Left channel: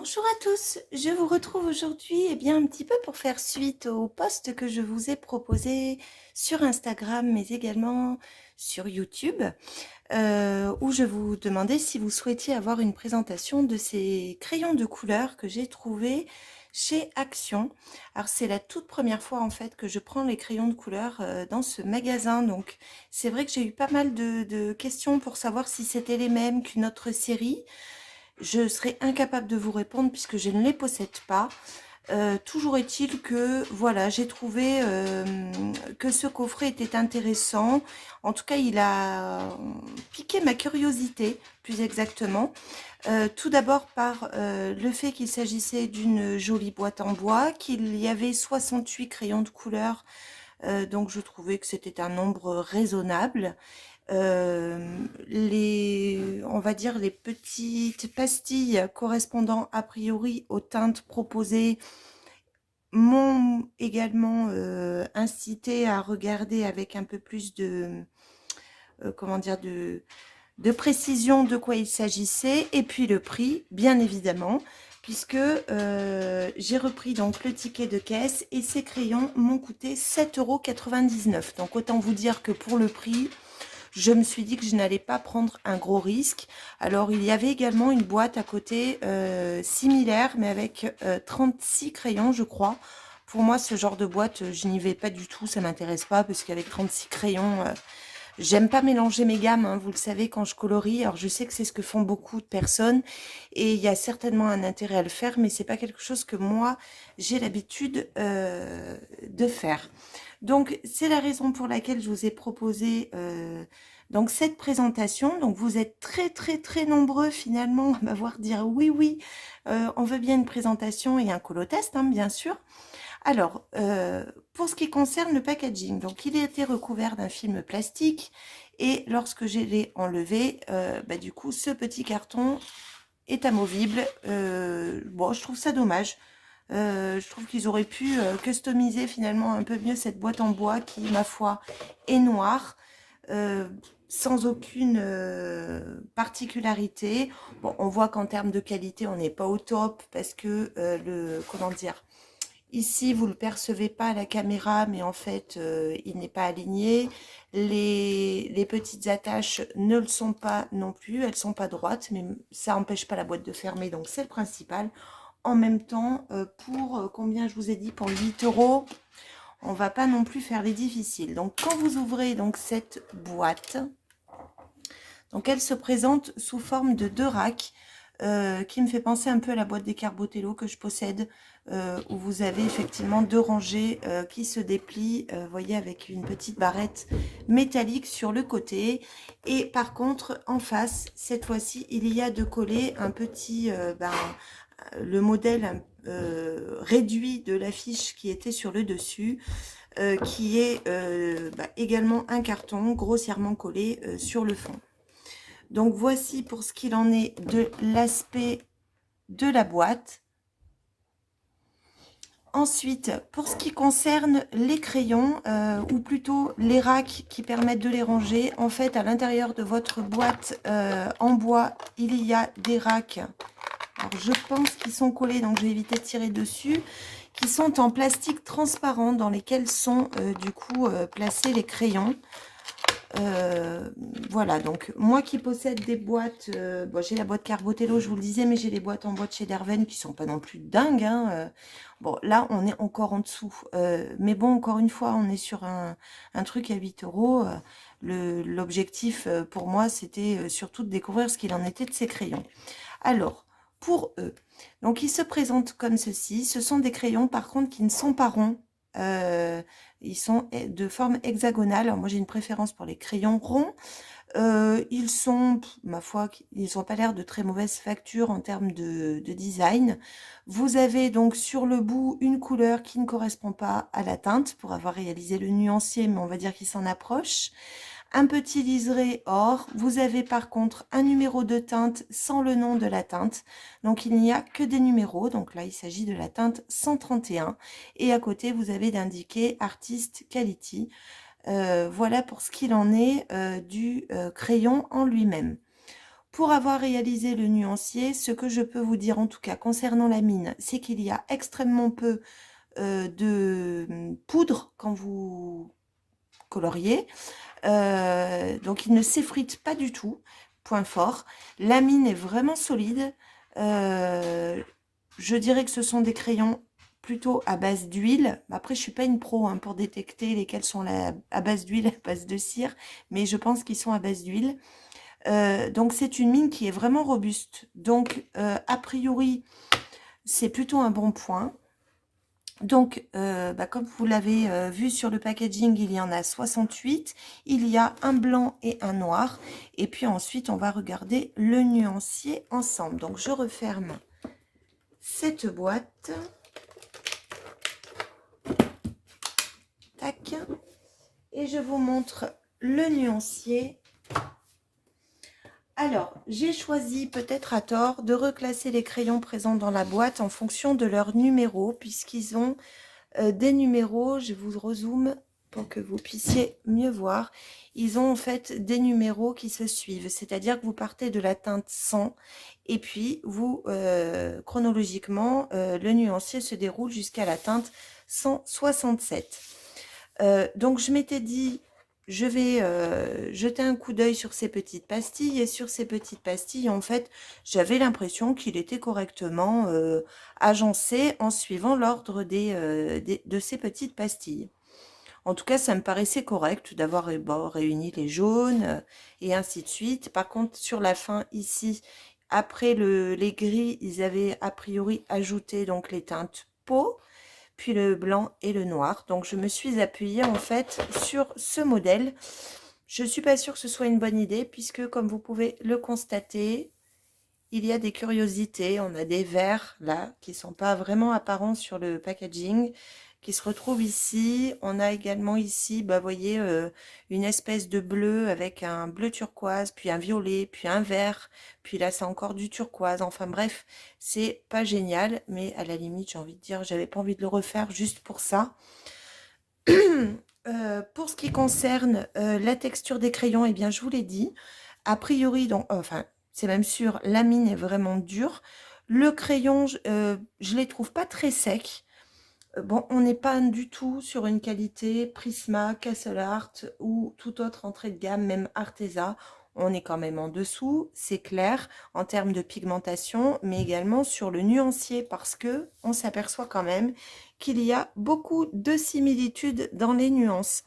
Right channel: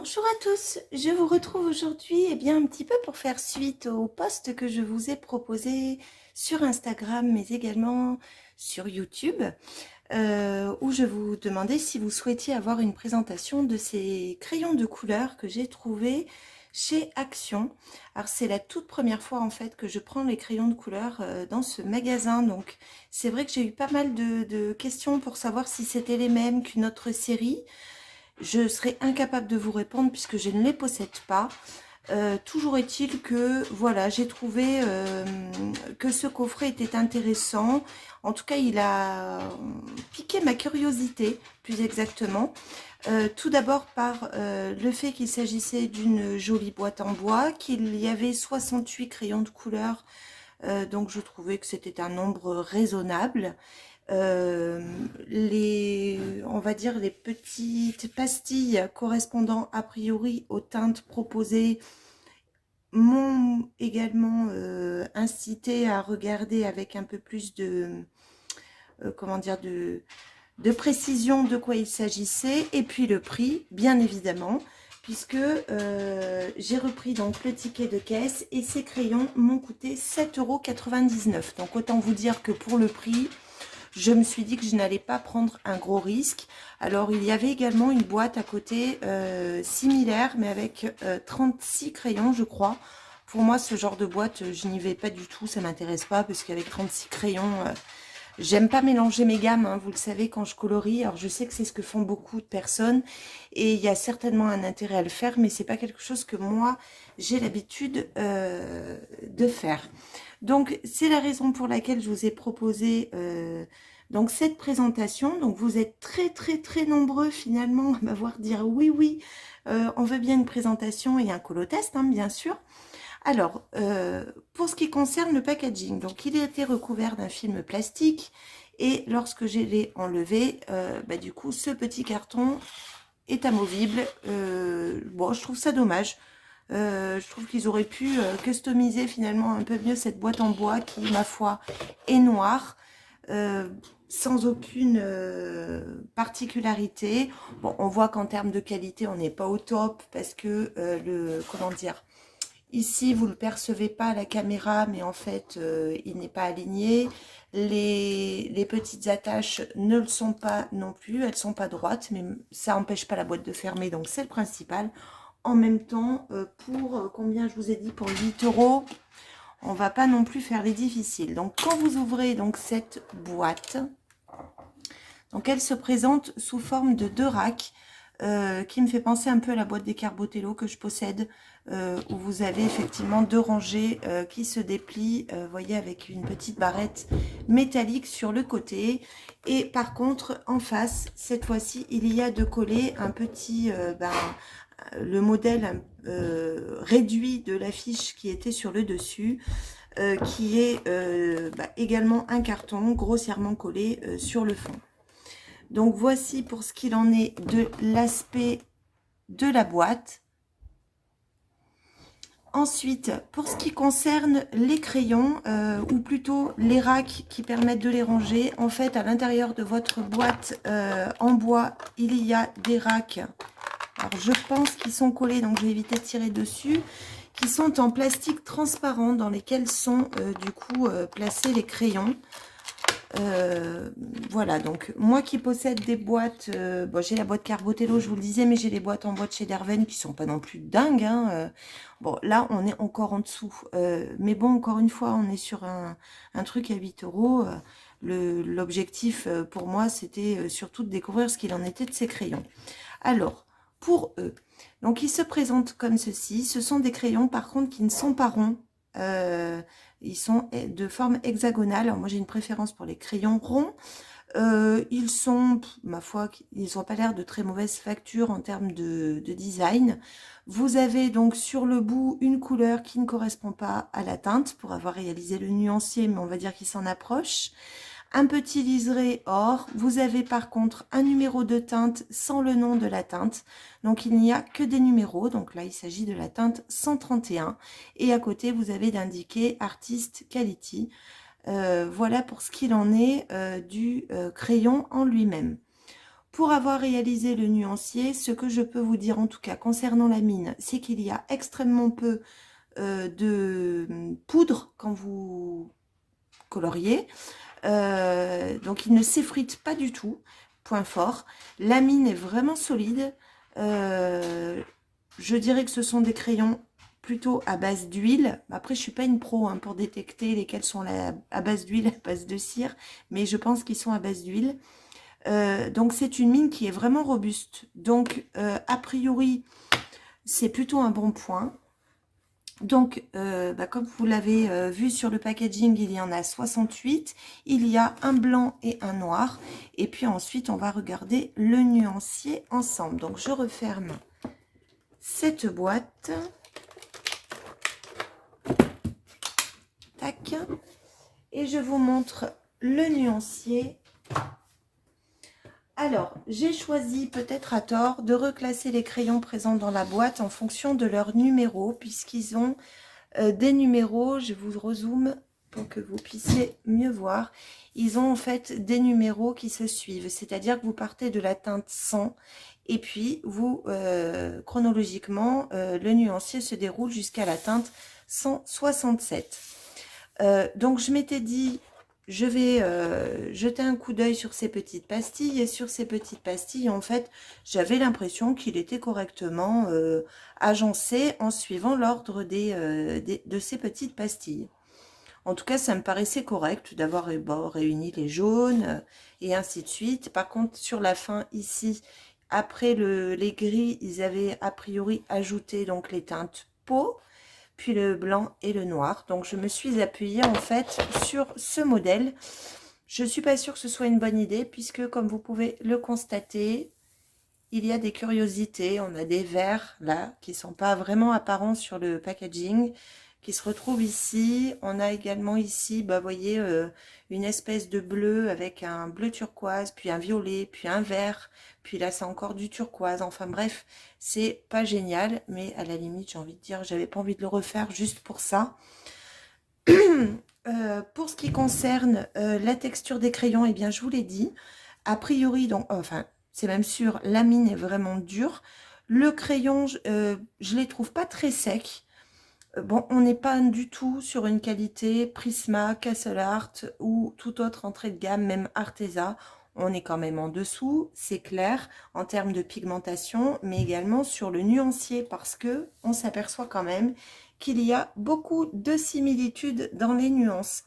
Bonjour à tous, je vous retrouve aujourd'hui un petit peu pour faire suite au post que je vous ai proposé sur Instagram mais également sur YouTube où je vous demandais si vous souhaitiez avoir une présentation de ces crayons de couleur que j'ai trouvés chez Action. Alors c'est la toute première fois en fait que je prends les crayons de couleur dans ce magasin, donc c'est vrai que j'ai eu pas mal de questions pour savoir si c'était les mêmes qu'une autre série. Je serais incapable de vous répondre puisque je ne les possède pas. Toujours est-il que voilà, j'ai trouvé que ce coffret était intéressant. En tout cas, il a piqué ma curiosité, plus exactement. Tout d'abord par le fait qu'il s'agissait d'une jolie boîte en bois, qu'il y avait 68 crayons de couleur, donc je trouvais que c'était un nombre raisonnable. On va dire les petites pastilles correspondant a priori aux teintes proposées m'ont également incité à regarder avec un peu plus comment dire, de précision de quoi il s'agissait, et puis le prix, bien évidemment, puisque j'ai repris donc le ticket de caisse et ces crayons m'ont coûté 7,99 €. Donc autant vous dire que pour le prix, je me suis dit que je n'allais pas prendre un gros risque. Alors il y avait également une boîte à côté similaire, mais avec 36 crayons, je crois. Pour moi, ce genre de boîte, je n'y vais pas du tout, ça m'intéresse pas, parce qu'avec 36 crayons, j'aime pas mélanger mes gammes, hein, vous le savez, quand je colorie. Alors je sais que c'est ce que font beaucoup de personnes, et il y a certainement un intérêt à le faire, mais c'est pas quelque chose que moi, j'ai l'habitude de faire. Donc, c'est la raison pour laquelle je vous ai proposé donc cette présentation. Donc, vous êtes très, très, très nombreux finalement à m'avoir dit oui, oui, on veut bien une présentation et un colotest, hein, bien sûr. Alors, pour ce qui concerne le packaging, donc il a été recouvert d'un film plastique et lorsque je l'ai enlevé, du coup, ce petit carton est amovible. Bon, je trouve ça dommage. Je trouve qu'ils auraient pu customiser finalement un peu mieux cette boîte en bois qui, ma foi, est noire, euh, sans aucune particularité. Bon, on voit qu'en termes de qualité, on n'est pas au top parce que comment dire, ici, vous ne le percevez pas à la caméra, mais en fait, il n'est pas aligné. Les petites attaches ne le sont pas non plus, elles ne sont pas droites, mais ça n'empêche pas la boîte de fermer, donc c'est le principal. En même temps, pour combien je vous ai dit, pour 8 €, on va pas non plus faire les difficiles. Donc quand vous ouvrez donc cette boîte, donc elle se présente sous forme de 2 racks, qui me fait penser un peu à la boîte des Carbotello que je possède, où vous avez effectivement 2 rangées qui se déplient, vous voyez, avec une petite barrette métallique sur le côté. Et par contre, en face, cette fois-ci, il y a de coller un petit, le modèle réduit de l'affiche qui était sur le dessus, qui est également un carton grossièrement collé sur le fond. Donc voici pour ce qu'il en est de l'aspect de la boîte. Ensuite, pour ce qui concerne les crayons, ou plutôt les racks qui permettent de les ranger, en fait, à l'intérieur de votre boîte en bois, il y a des racks. Alors, je pense qu'ils sont collés, donc je vais éviter de tirer dessus, qui sont en plastique transparent, dans lesquels sont du coup placés les crayons. Voilà, donc moi qui possède des boîtes, bon, j'ai la boîte Carbotello, je vous le disais, mais j'ai les boîtes en bois de chez Derven qui sont pas non plus dingues, hein, bon, là, on est encore en dessous, mais bon, encore une fois, on est sur un truc à 8 €. L'objectif pour moi, c'était surtout de découvrir ce qu'il en était de ces crayons. Alors, pour eux, donc ils se présentent comme ceci. Ce sont des crayons, par contre, qui ne sont pas ronds. Ils sont de forme hexagonale. Alors, moi, j'ai une préférence pour les crayons ronds. Ils sont, ma foi, ils n'ont pas l'air de très mauvaise facture en termes de design. Vous avez donc sur le bout une couleur qui ne correspond pas à la teinte pour avoir réalisé le nuancier, mais on va dire qu'il s'en approche. Un petit liseré or. Vous avez par contre un numéro de teinte sans le nom de la teinte. Donc il n'y a que des numéros. Donc là, il s'agit de la teinte 131. Et à côté, vous avez d'indiquer Artist Quality. Voilà pour ce qu'il en est du crayon en lui-même. pour avoir réalisé le nuancier, ce que je peux vous dire en tout cas concernant la mine, c'est qu'il y a extrêmement peu de poudre quand vous coloriez. Donc il ne s'effrite pas du tout, point fort. La mine est vraiment solide. Je dirais que ce sont des crayons plutôt à base d'huile. Après, je ne suis pas une pro hein, pour détecter lesquels sont à base d'huile, à base de cire, mais je pense qu'ils sont à base d'huile. Donc c'est une mine qui est vraiment robuste. Donc a priori, c'est plutôt un bon point. Donc, comme vous l'avez vu sur le packaging, il y en a 68. Il y a un blanc et un noir. Et puis ensuite, on va regarder le nuancier ensemble. Donc, je referme cette boîte. Tac. Et je vous montre le nuancier. Alors, j'ai choisi, peut-être à tort, de reclasser les crayons présents dans la boîte en fonction de leur numéro, puisqu'ils ont des numéros. Je vous rezoome pour que vous puissiez mieux voir. Ils ont en fait des numéros qui se suivent, c'est-à-dire que vous partez de la teinte 100 et puis vous, chronologiquement, le nuancier se déroule jusqu'à la teinte 167. Donc je m'étais dit, je vais jeter un coup d'œil sur ces petites pastilles, et sur ces petites pastilles, en fait, j'avais l'impression qu'il était correctement agencé en suivant l'ordre de ces petites pastilles. En tout cas, ça me paraissait correct d'avoir réuni les jaunes et ainsi de suite. Par contre, sur la fin, ici, après les gris, ils avaient a priori ajouté donc les teintes peau, puis le blanc et le noir. Donc je me suis appuyée en fait sur ce modèle. Je ne suis pas sûre que ce soit une bonne idée puisque comme vous pouvez le constater, il y a des curiosités. On a des verts là qui ne sont pas vraiment apparents sur le packaging qui se retrouvent ici. On a également ici, vous voyez, une espèce de bleu avec un bleu turquoise, puis un violet, puis un vert, puis là c'est encore du turquoise. Enfin bref, c'est pas génial, mais à la limite, j'ai envie de dire, j'avais pas envie de le refaire juste pour ça. Pour ce qui concerne la texture des crayons, eh bien je vous l'ai dit, a priori, donc, enfin, c'est même sûr, la mine est vraiment dure. Le crayon, je les trouve pas très secs. Bon, on n'est pas du tout sur une qualité Prisma, Castle Art ou toute autre entrée de gamme, même Arteza. On est quand même en dessous, c'est clair, en termes de pigmentation, mais également sur le nuancier, parce que on s'aperçoit quand même qu'il y a beaucoup de similitudes dans les nuances.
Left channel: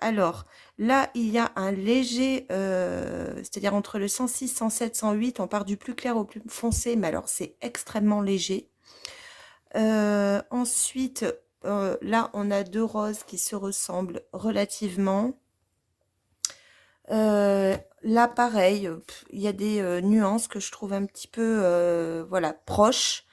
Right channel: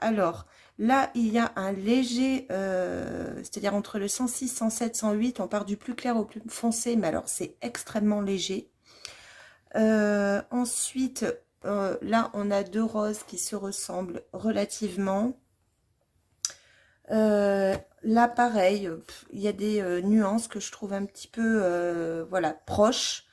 Alors, là, il y a un léger, c'est-à-dire entre le 106, 107, 108, on part du plus clair au plus foncé, mais alors c'est extrêmement léger. Ensuite, là, on a deux roses qui se ressemblent relativement. Là, pareil, il y a des nuances que je trouve un petit peu voilà, proches.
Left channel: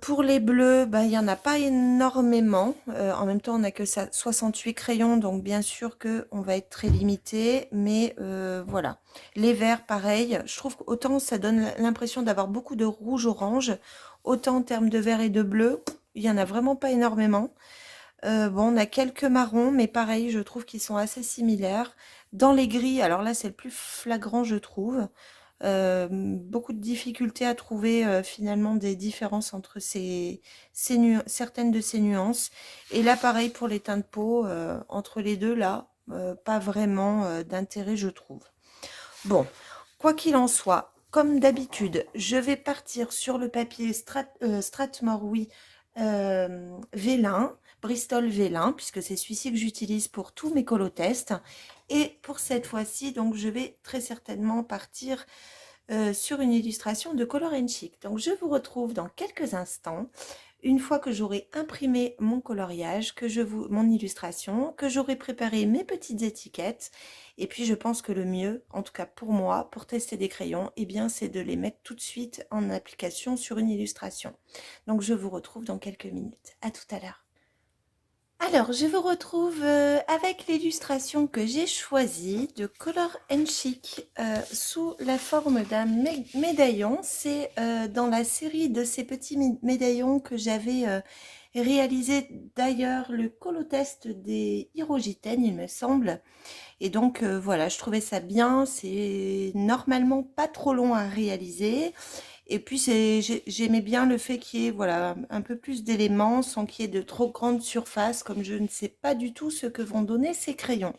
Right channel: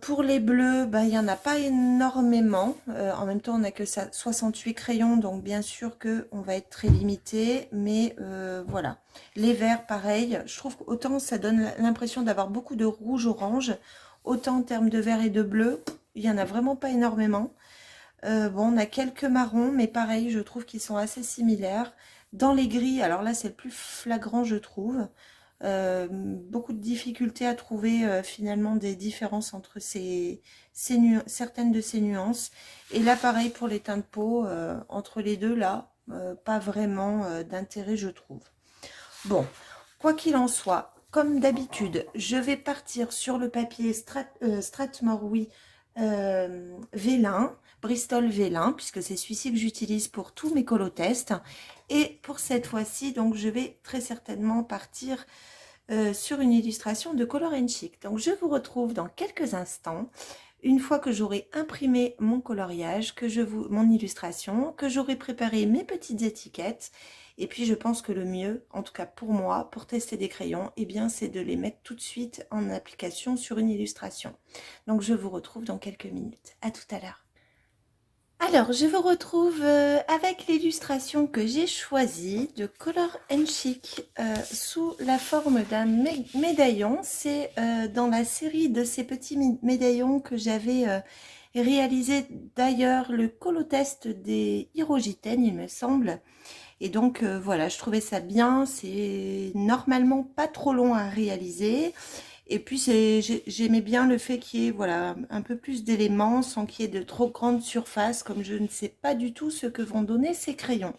Pour les bleus, il n'y en a pas énormément. En même temps, on n'a que ça, 68 crayons, donc bien sûr qu'on va être très limité. Mais voilà. Les verts, pareil. Je trouve qu'autant ça donne l'impression d'avoir beaucoup de rouge-orange, autant en termes de vert et de bleu, il n'y en a vraiment pas énormément. Bon, on a quelques marrons, mais pareil, je trouve qu'ils sont assez similaires. Dans les gris, alors là, c'est le plus flagrant, je trouve. Beaucoup de difficultés à trouver finalement des différences entre certaines de ces nuances. Et là, pareil pour les teintes de peau, entre les deux, là, pas vraiment d'intérêt, je trouve. Bon, quoi qu'il en soit, comme d'habitude, je vais partir sur le papier Strathmore, oui, Vélin, Bristol Vélin, puisque c'est celui-ci que j'utilise pour tous mes colotests. Et pour cette fois-ci, donc, je vais très certainement partir sur une illustration de Color & Chic. Donc, je vous retrouve dans quelques instants, une fois que j'aurai imprimé mon coloriage, mon illustration, que j'aurai préparé mes petites étiquettes. Et puis, je pense que le mieux, en tout cas pour moi, pour tester des crayons, eh bien, c'est de les mettre tout de suite en application sur une illustration. Donc, je vous retrouve dans quelques minutes. À tout à l'heure. Alors, je vous retrouve avec l'illustration que j'ai choisie de Color & Chic sous la forme d'un médaillon. C'est dans la série de ces petits médaillons que j'avais réalisé d'ailleurs le colotest des Hirogiten, il me semble. Et donc, voilà, je trouvais ça bien. C'est normalement pas trop long à réaliser. Et puis, j'aimais bien le fait qu'il y ait, voilà, un peu plus d'éléments sans qu'il y ait de trop grandes surfaces, comme je ne sais pas du tout ce que vont donner ces crayons.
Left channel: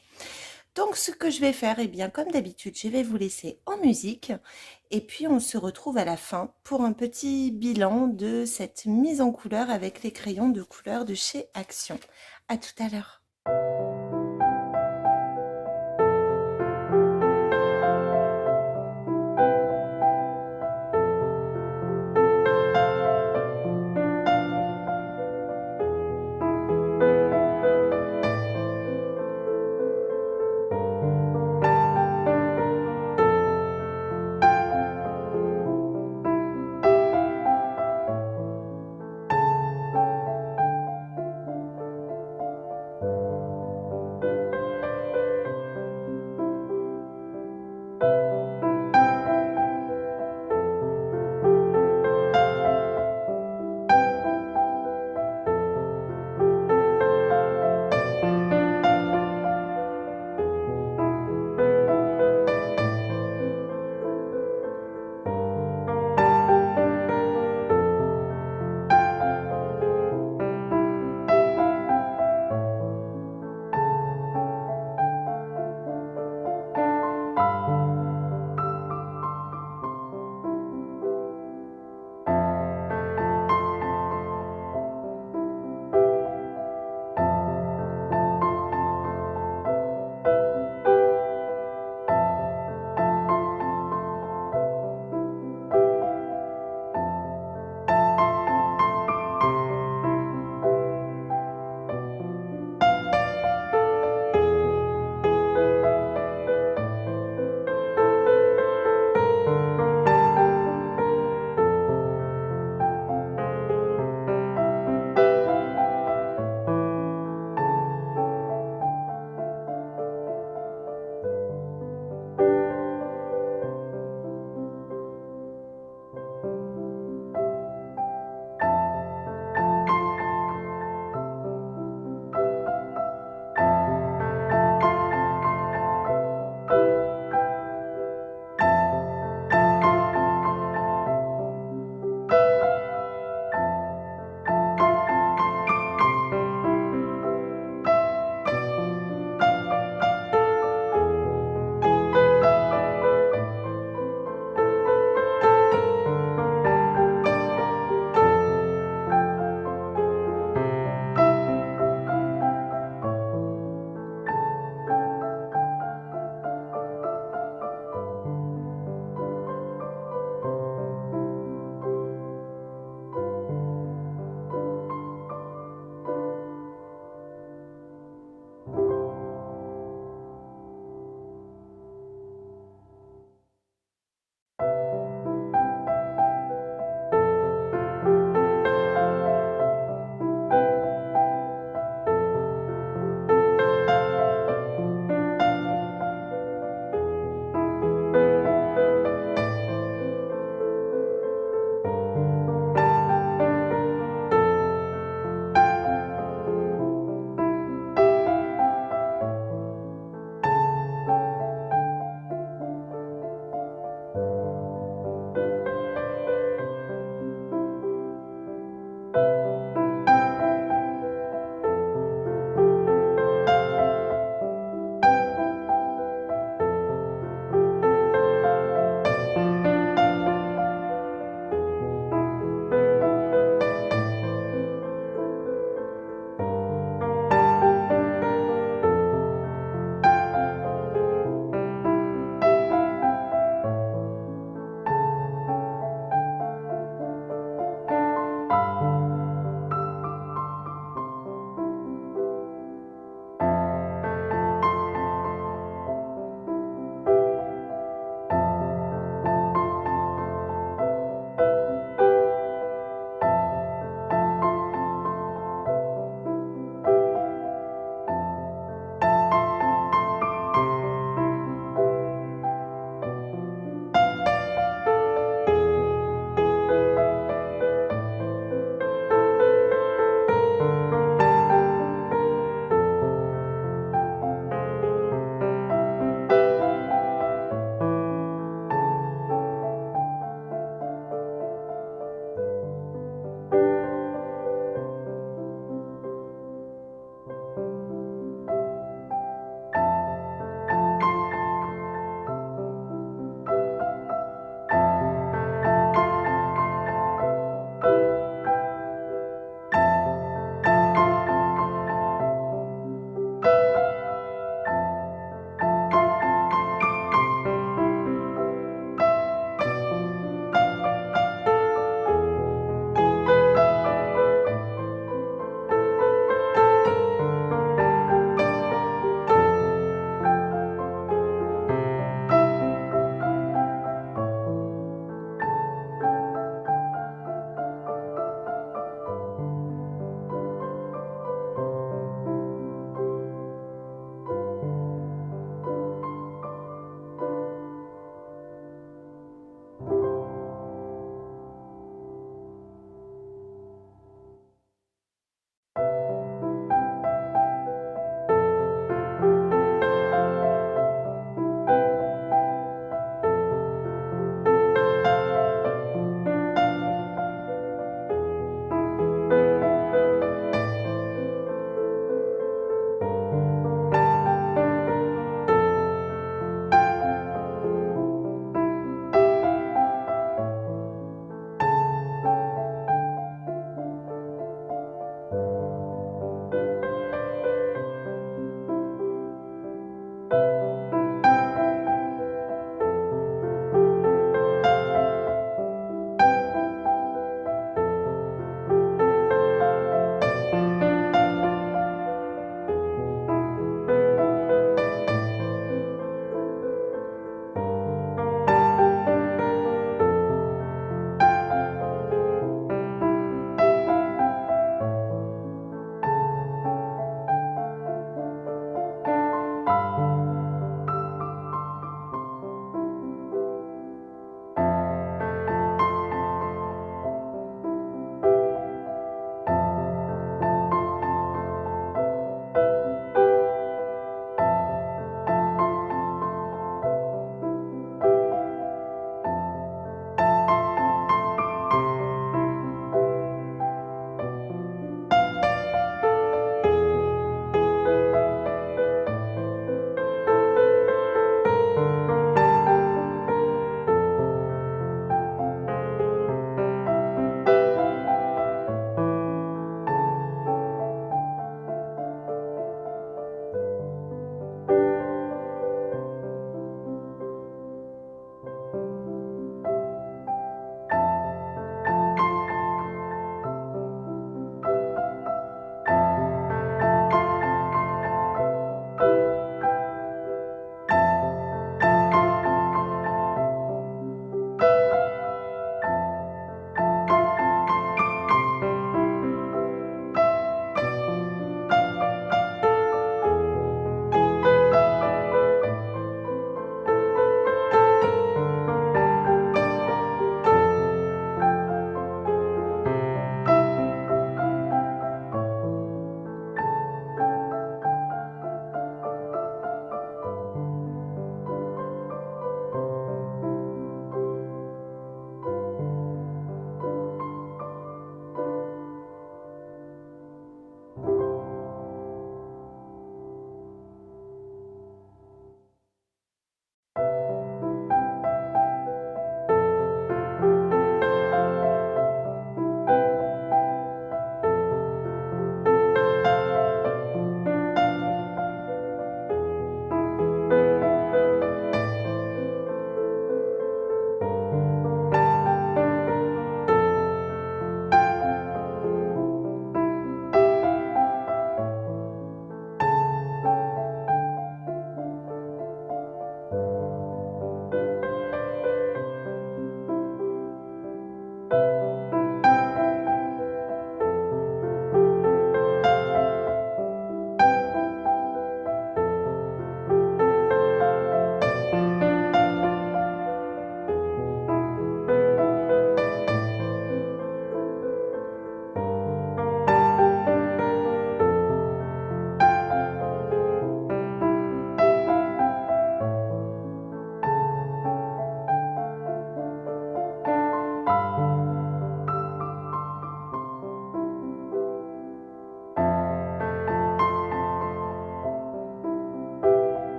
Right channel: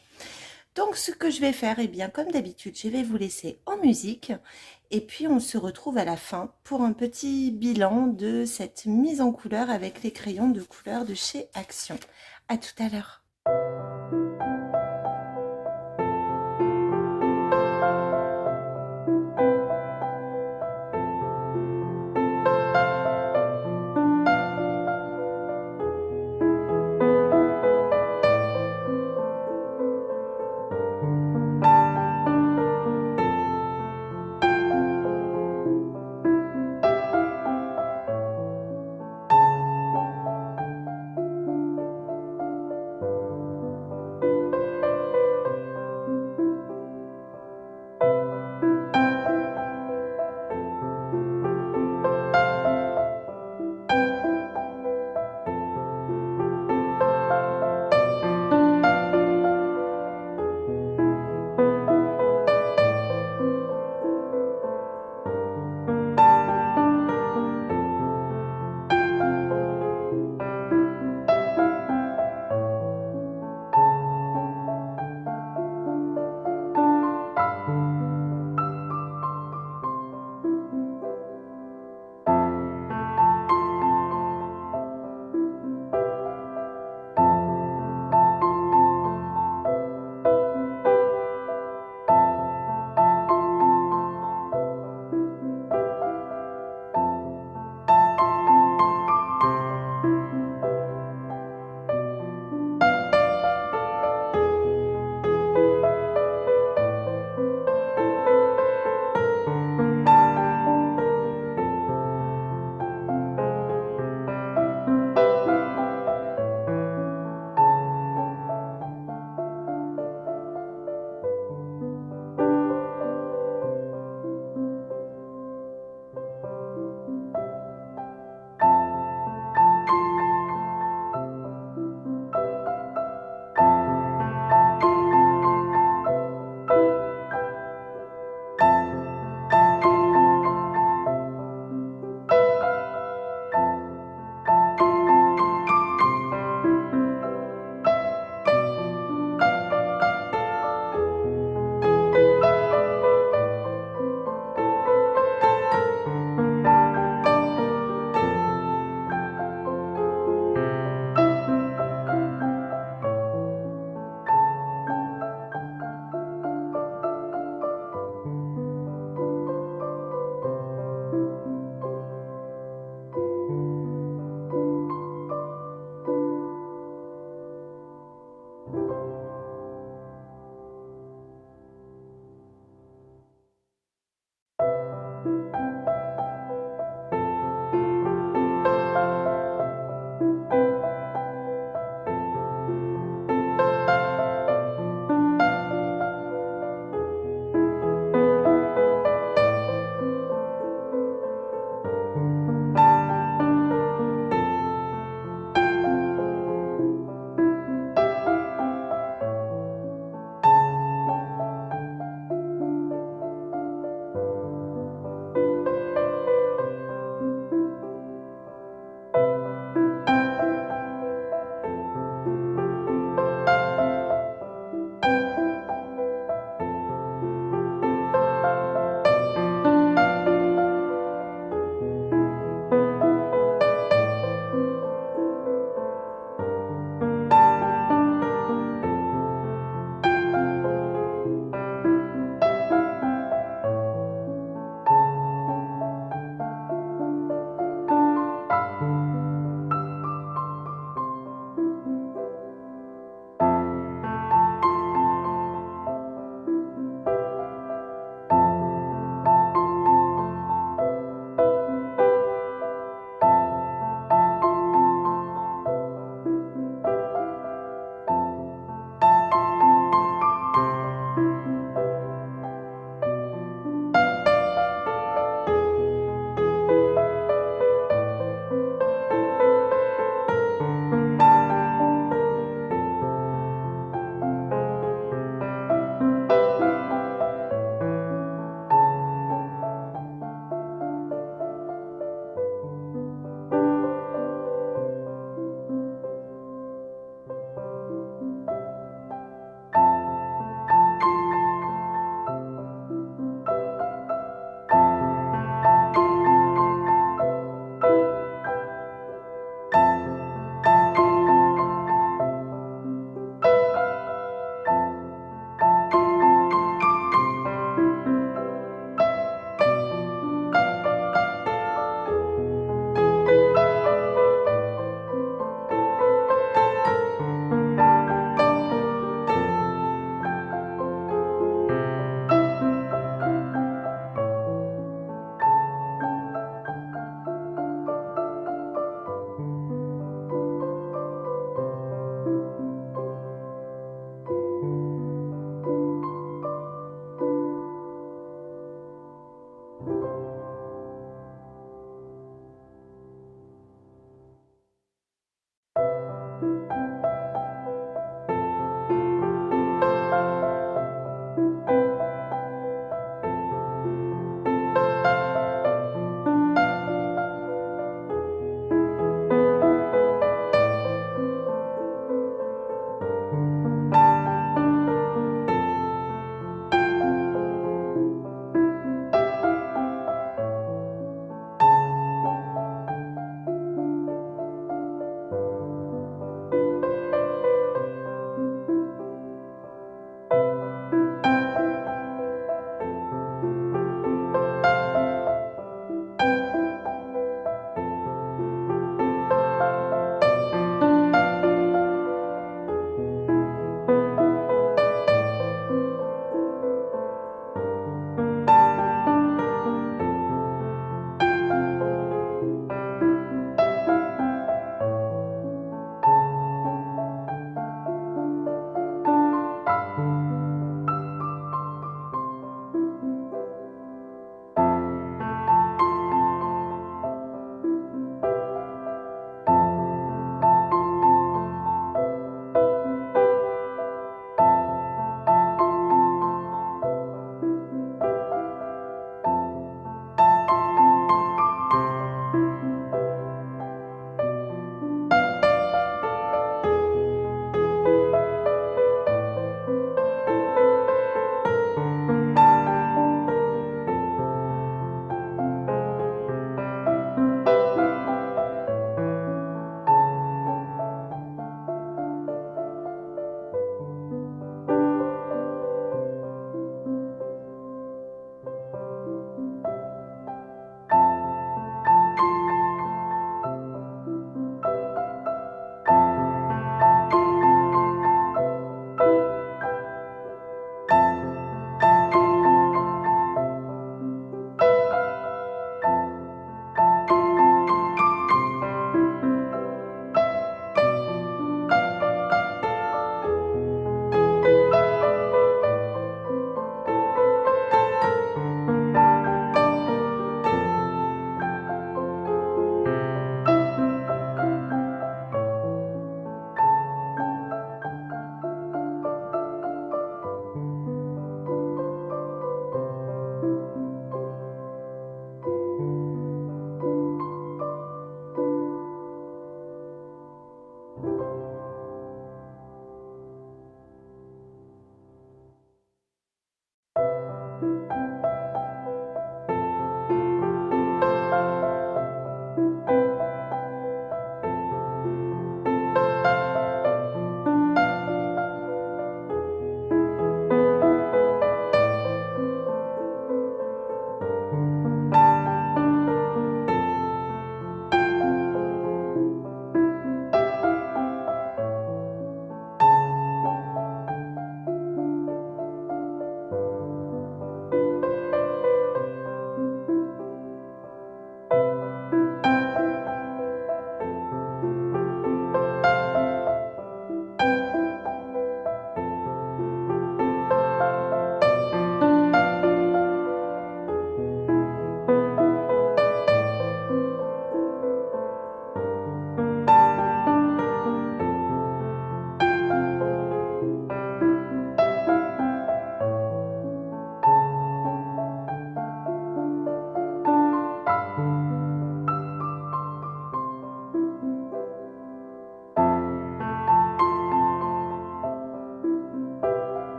Donc, ce que je vais faire, eh bien, comme d'habitude, je vais vous laisser en musique. Et puis, on se retrouve à la fin pour un petit bilan de cette mise en couleur avec les crayons de couleur de chez Action. À tout à l'heure.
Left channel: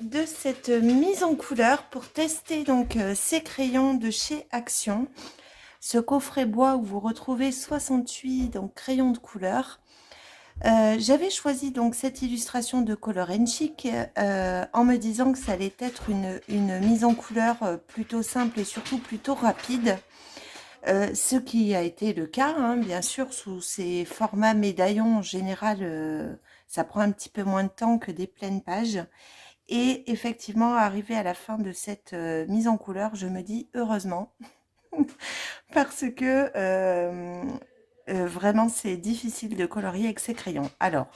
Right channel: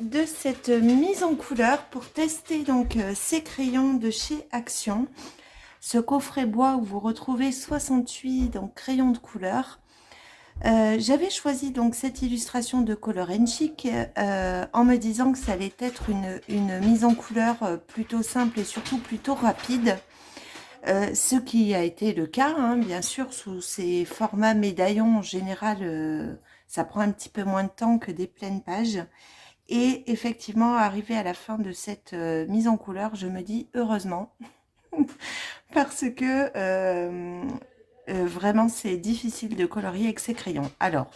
de cette mise en couleur pour tester donc ces crayons de chez Action. Ce coffret bois où vous retrouvez 68 donc, crayons de couleur. J'avais choisi donc cette illustration de Color Chic en me disant que ça allait être une mise en couleur plutôt simple et surtout plutôt rapide. Ce qui a été le cas, hein, bien sûr, sous ces formats médaillons en général, ça prend un petit peu moins de temps que des pleines pages. Et effectivement, arrivé à la fin de cette mise en couleur, je me dis heureusement, parce que vraiment c'est difficile de colorier avec ces crayons. Alors,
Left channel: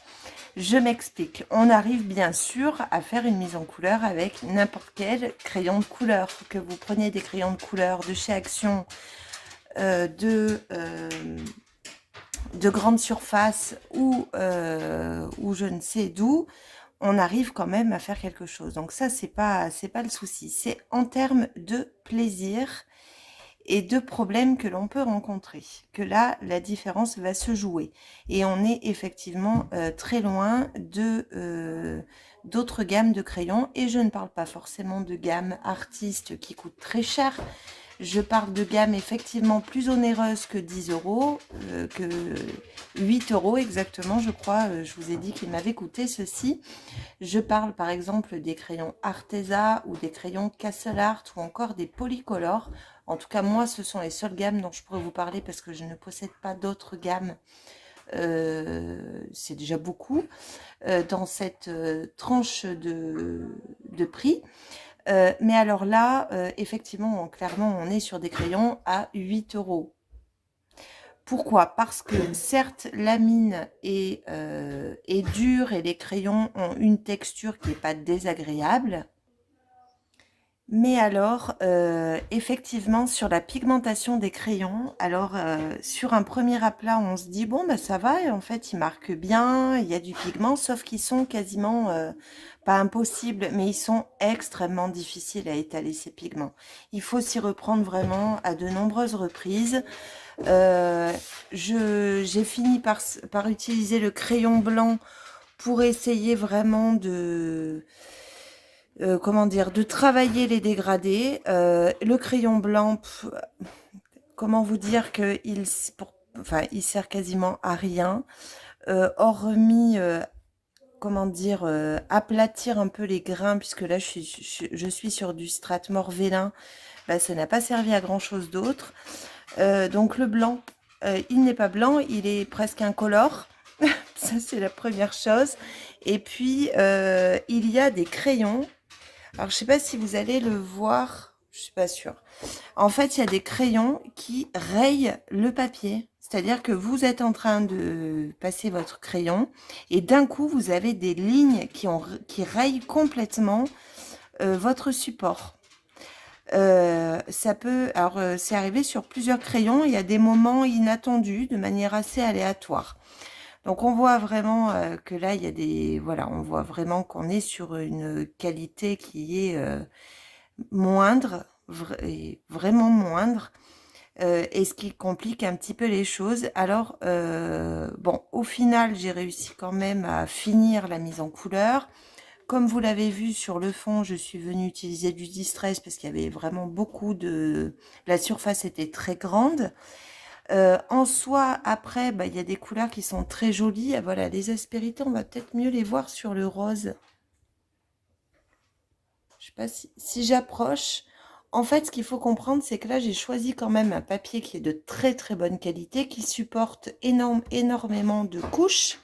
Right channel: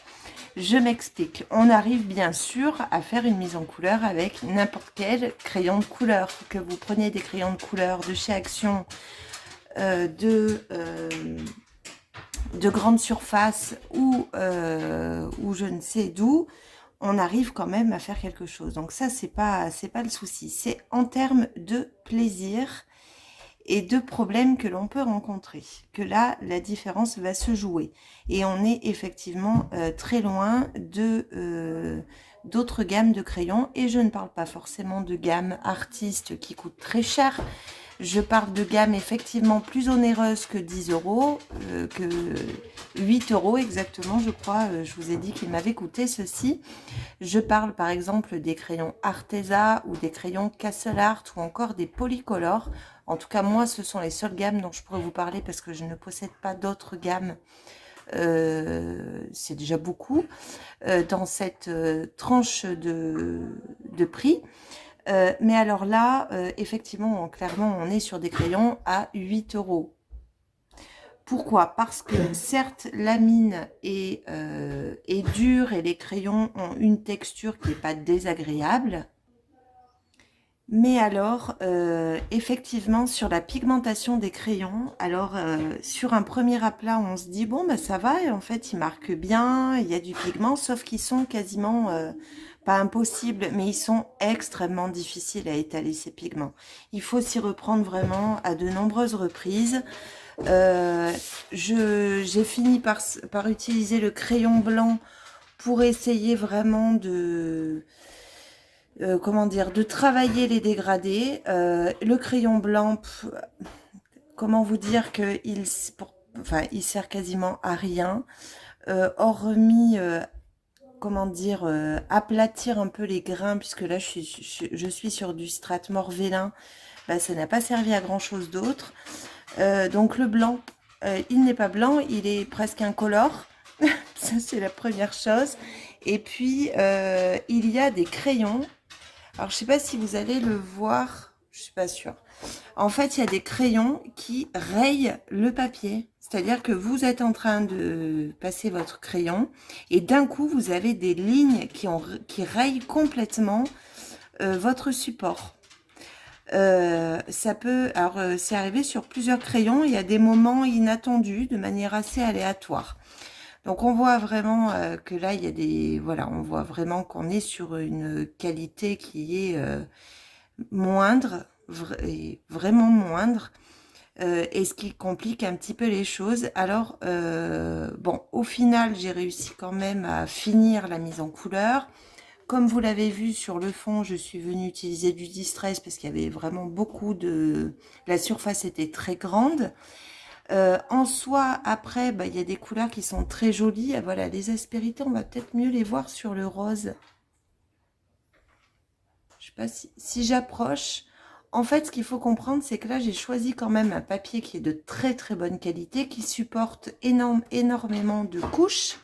je m'explique. On arrive bien sûr à faire une mise en couleur avec n'importe quel crayon de couleur. Que vous preniez des crayons de couleur de chez Action, de grande surface ou je ne sais d'où, on arrive quand même à faire quelque chose. Donc ça, c'est pas le souci. C'est en termes de plaisir et de problèmes que l'on peut rencontrer, que là, la différence va se jouer. Et on est effectivement très loin de d'autres gammes de crayons. Et je ne parle pas forcément de gamme artiste qui coûte très cher. Je parle de gamme effectivement plus onéreuse que 10 euros, que 8 euros exactement, je crois. Je vous ai dit qu'il m'avait coûté ceci. Je parle par exemple des crayons Arteza ou des crayons Castle Art ou encore des Polycolor. En tout cas, moi, ce sont les seules gammes dont je pourrais vous parler parce que je ne possède pas d'autres gammes. C'est déjà beaucoup dans cette tranche de prix. Mais alors là, effectivement, clairement, on est sur des crayons à 8 euros. Pourquoi? Parce que certes, la mine est dure et les crayons ont une texture qui n'est pas désagréable. Mais alors, effectivement, sur la pigmentation des crayons, alors sur un premier aplat, on se dit, bon, bah, ça va, et en fait, ils marquent bien, il y a du pigment, sauf qu'ils sont quasiment, pas impossibles, mais ils sont extrêmement difficiles à étaler, ces pigments. Il faut s'y reprendre vraiment à de nombreuses reprises. J'ai fini par utiliser le crayon blanc pour essayer vraiment de comment dire, de travailler les dégradés. Le crayon blanc, comment vous dire que il sert quasiment à rien, hormis, comment dire, aplatir un peu les grains, puisque là je suis sur du Strathmore vélin, bah, ça n'a pas servi à grand chose d'autre. Donc le blanc, il n'est pas blanc, il est presque incolore. Ça c'est la première chose. Et puis il y a des crayons. Alors, je ne sais pas si vous allez le voir, je ne suis pas sûre. En fait, il y a des crayons qui rayent le papier. C'est-à-dire que vous êtes en train de passer votre crayon et d'un coup, vous avez des lignes qui rayent complètement votre support. Alors, c'est arrivé sur plusieurs crayons. Il y a des moments inattendus de manière assez aléatoire. Donc on voit vraiment que là, il y a voilà, on voit vraiment qu'on est sur une qualité qui est moindre, vraiment moindre, et ce qui complique un petit peu les choses. Alors, bon, au final, j'ai réussi quand même à finir la mise en couleur. Comme vous l'avez vu sur le fond, je suis venue utiliser du Distress parce qu'il y avait vraiment beaucoup de... La surface était très grande. En soi, après, bah, il y a des couleurs qui sont très jolies. Et voilà, les aspérités, on va peut-être mieux les voir sur le rose. Je sais pas si j'approche. En fait, ce qu'il faut comprendre, c'est que là, j'ai choisi quand même un papier qui est de très très bonne qualité, qui supporte énormément de couches.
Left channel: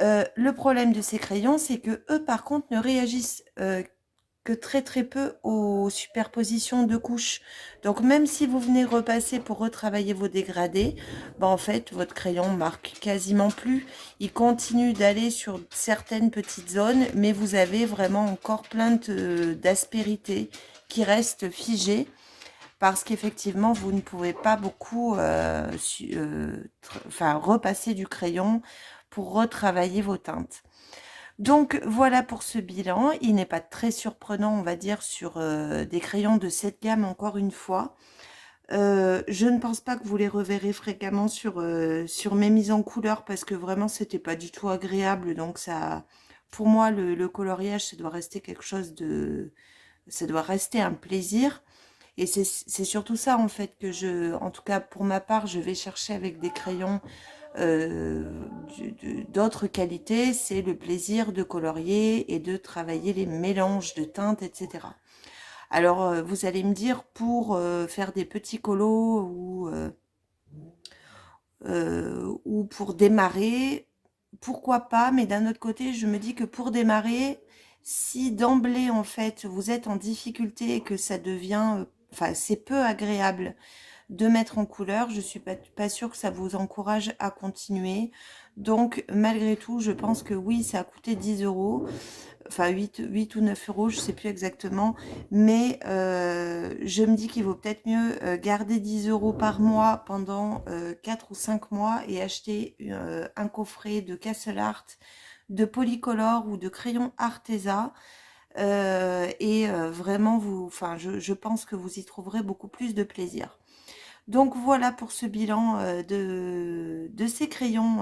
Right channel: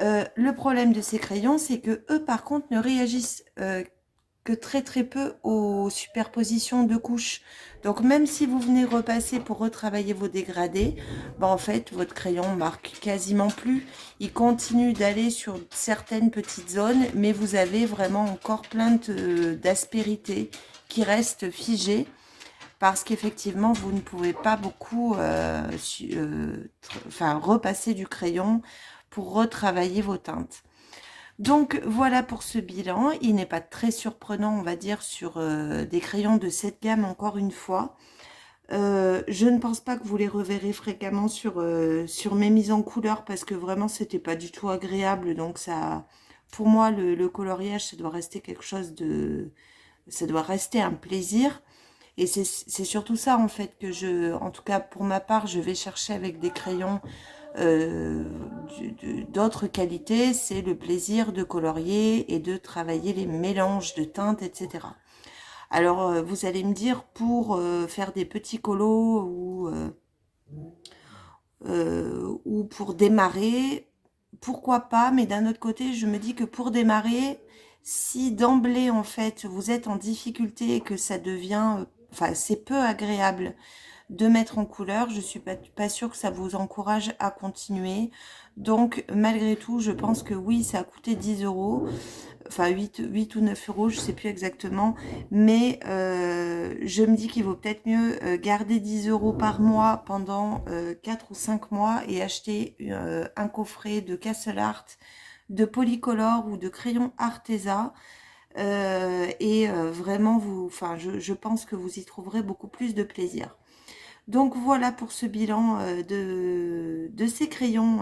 Le problème de ces crayons, c'est que eux, par contre, ne réagissent que très très peu aux superpositions de couches. Donc même si vous venez repasser pour retravailler vos dégradés, bah, en fait votre crayon marque quasiment plus. Il continue d'aller sur certaines petites zones, mais vous avez vraiment encore plein d'aspérités qui restent figées parce qu'effectivement vous ne pouvez pas beaucoup repasser du crayon pour retravailler vos teintes. Donc voilà pour ce bilan, il n'est pas très surprenant on va dire sur des crayons de cette gamme encore une fois. Je ne pense pas que vous les reverrez fréquemment sur mes mises en couleur parce que vraiment c'était pas du tout agréable donc ça, pour moi, le coloriage, ça doit rester quelque chose de... Ça doit rester un plaisir. Et c'est surtout ça, en fait, en tout cas, pour ma part, je vais chercher avec des crayons euh, d'autres qualités. C'est le plaisir de colorier et de travailler les mélanges de teintes, etc. Alors, vous allez me dire, pour faire des petits colos ou pour démarrer, pourquoi pas, mais d'un autre côté, je me dis que pour démarrer, si d'emblée, en fait, vous êtes en difficulté et que ça devient, enfin, c'est peu agréable de mettre en couleur, je suis pas sûre que ça vous encourage à continuer. Donc, malgré tout, je pense que oui, ça a coûté 10 euros, enfin 8 ou 9 euros, je sais plus exactement, mais je me dis qu'il vaut peut-être mieux garder 10 euros par mois pendant 4 ou 5 mois et acheter un coffret de Castle Art, de Polycolor ou de crayon Arteza. Vraiment, enfin, je pense que vous y trouverez beaucoup plus de plaisir. Donc voilà pour ce bilan de ces crayons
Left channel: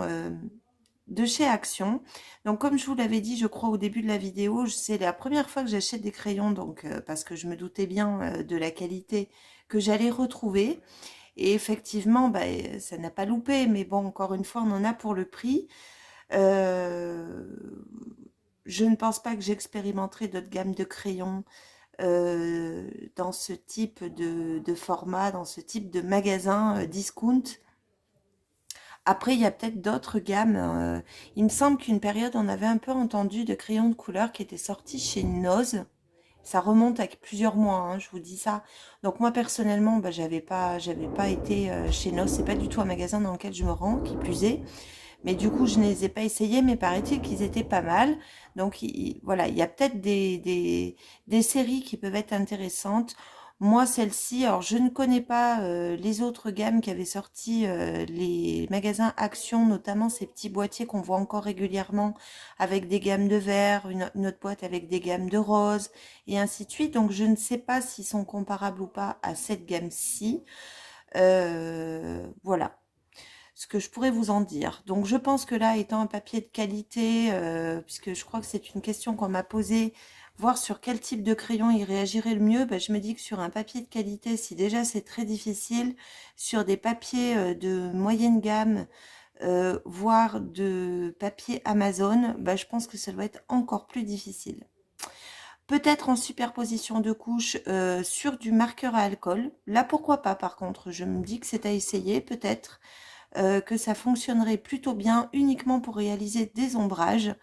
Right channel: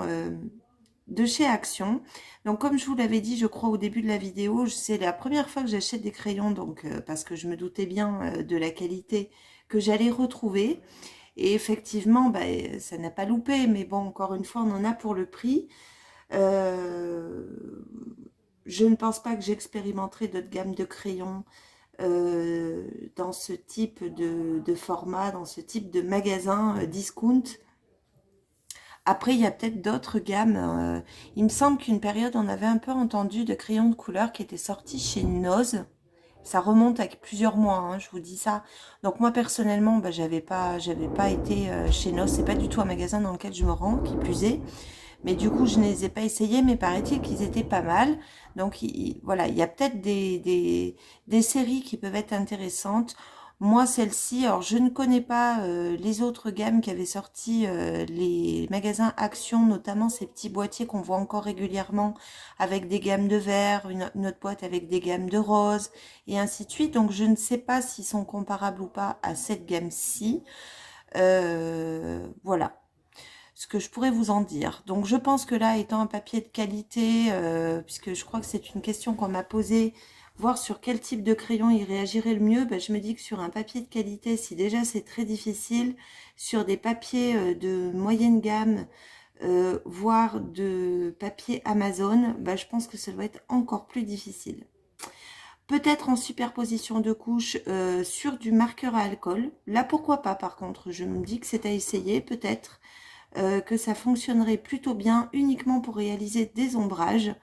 de chez Action. Donc comme je vous l'avais dit, je crois au début de la vidéo, c'est la première fois que j'achète des crayons, donc parce que je me doutais bien de la qualité que j'allais retrouver. Et effectivement, bah, ça n'a pas loupé, mais bon, encore une fois, on en a pour le prix. Euh, je ne pense pas que j'expérimenterai d'autres gammes de crayons dans ce type de format, dans ce type de magasin discount. Après, il y a peut-être d'autres gammes. Il me semble qu'une période, on avait un peu entendu de crayons de couleur qui étaient sortis chez Noz. Ça remonte à plusieurs mois, hein, je vous dis ça. Donc moi, personnellement, bah, j'avais pas été chez Noz. C'est pas du tout un magasin dans lequel je me rends, qui plus est. Mais du coup, je ne les ai pas essayés, mais paraît-il qu'ils étaient pas mal. Donc voilà, il y a peut-être des séries qui peuvent être intéressantes. Moi, celle-ci, alors je ne connais pas les autres gammes qui avaient sorti les magasins Action, notamment ces petits boîtiers qu'on voit encore régulièrement avec des gammes de vert, une autre boîte avec des gammes de rose, et ainsi de suite. Donc je ne sais pas s'ils sont comparables ou pas à cette gamme-ci. Voilà ce que je pourrais vous en dire. Donc je pense que là, étant un papier de qualité, puisque je crois que c'est une question qu'on m'a posée, voir sur quel type de crayon il réagirait le mieux, ben, je me dis que sur un papier de qualité, si déjà c'est très difficile, sur des papiers de moyenne gamme, voire de papier Amazon, ben, je pense que ça doit être encore plus difficile. Peut-être en superposition de couches sur du marqueur à alcool. Là, pourquoi pas par contre, je me dis que c'est à essayer peut-être que ça fonctionnerait plutôt bien uniquement pour réaliser des ombrages.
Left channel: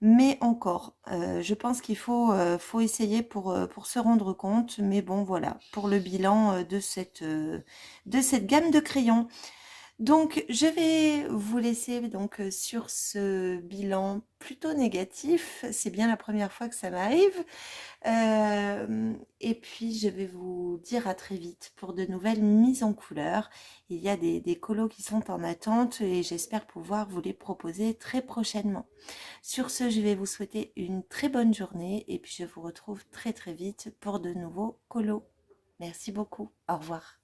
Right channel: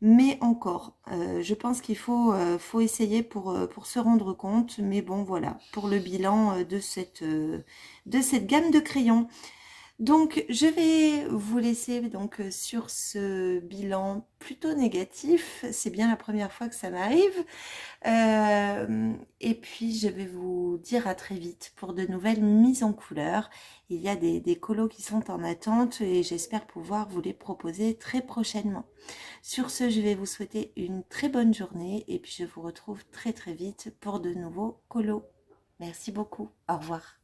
Mais encore, je pense qu'il faut essayer pour se rendre compte. Mais bon, voilà, pour le bilan de cette gamme de crayons. Donc, je vais vous laisser donc sur ce bilan plutôt négatif. C'est bien la première fois que ça m'arrive. Et puis, je vais vous dire à très vite pour de nouvelles mises en couleur. Il y a des colos qui sont en attente et j'espère pouvoir vous les proposer très prochainement. Sur ce, je vais vous souhaiter une très bonne journée et puis je vous retrouve très très vite pour de nouveaux colos. Merci beaucoup. Au revoir.